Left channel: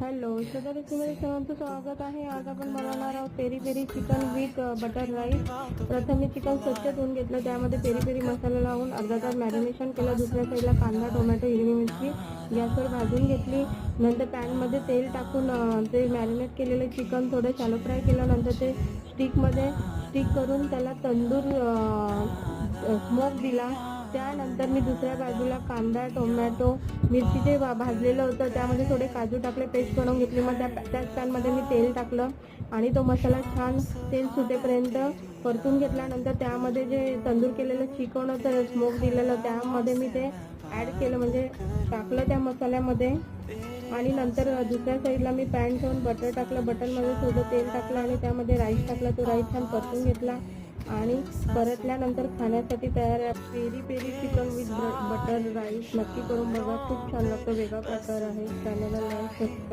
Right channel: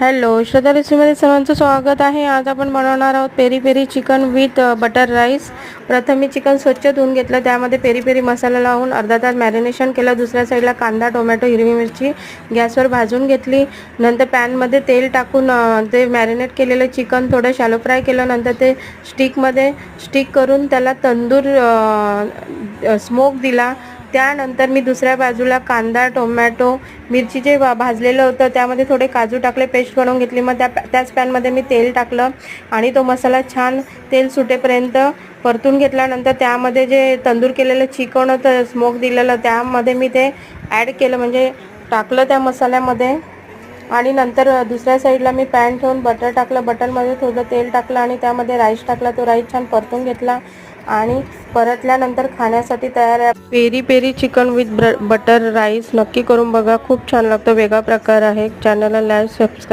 Hello, श्रद्धा रेसिपीमध्ये सर्वांचं स्वागत आहे. आज आपण बनवणार आहोत peri peri chicken with butter rice. प्रथम मी चिकन स्वच्छ धुवून घेतलं, त्यामध्ये पेरी पेरी मसाला लावून अर्धा तास मॅरिनेशन केलं. दुसऱ्या साईडला कांदा, टोमॅटो, हिरवी मिरची गॅसवर भाजून घेतली. नंतर पॅनमध्ये तेल टाकून ते मॅरिनेट केलेलं चिकन थोडं शॅलो फ्राय केलं. नंतर ते स्टिक करून त्याला तंदूर स्मोक दिला. त्यानंतर मी दुसऱ्या बाजूला कांदा, टोमॅटो, मिरची जे भाजलेलं होतं त्यामध्ये थोडे काजू टाकले, पेस्ट करून घेतली. मग त्याच पॅनमध्ये मी तेल टाकलं आणि तो मसाला छान तेल सुटेपर्यंत परतून घेतल्यानंतर त्यामध्ये जे तंदूर केलेलं चिकन होतं, स्मोक दिलेलं, त्यामध्ये मी ते ॲड केलं, म्हणजे टाकलं त्या मसाल्यामध्ये. आणि नंतर दुसऱ्या साईडला मी पॅन ठेवून बटर टाकलं. बटरमध्ये थोडं तेल टाकलं आणि त्यामध्ये राईस टाकला. तो राईस छान परतून घेतला आणि परतल्यानंतर खाण्यासाठी तयार आहे peri peri chicken with butter rice. नक्की करून बघा, खूप छान लागतो. वेगळा प्रकार आहे. चॅनलला लाईक, सबस्क्राईब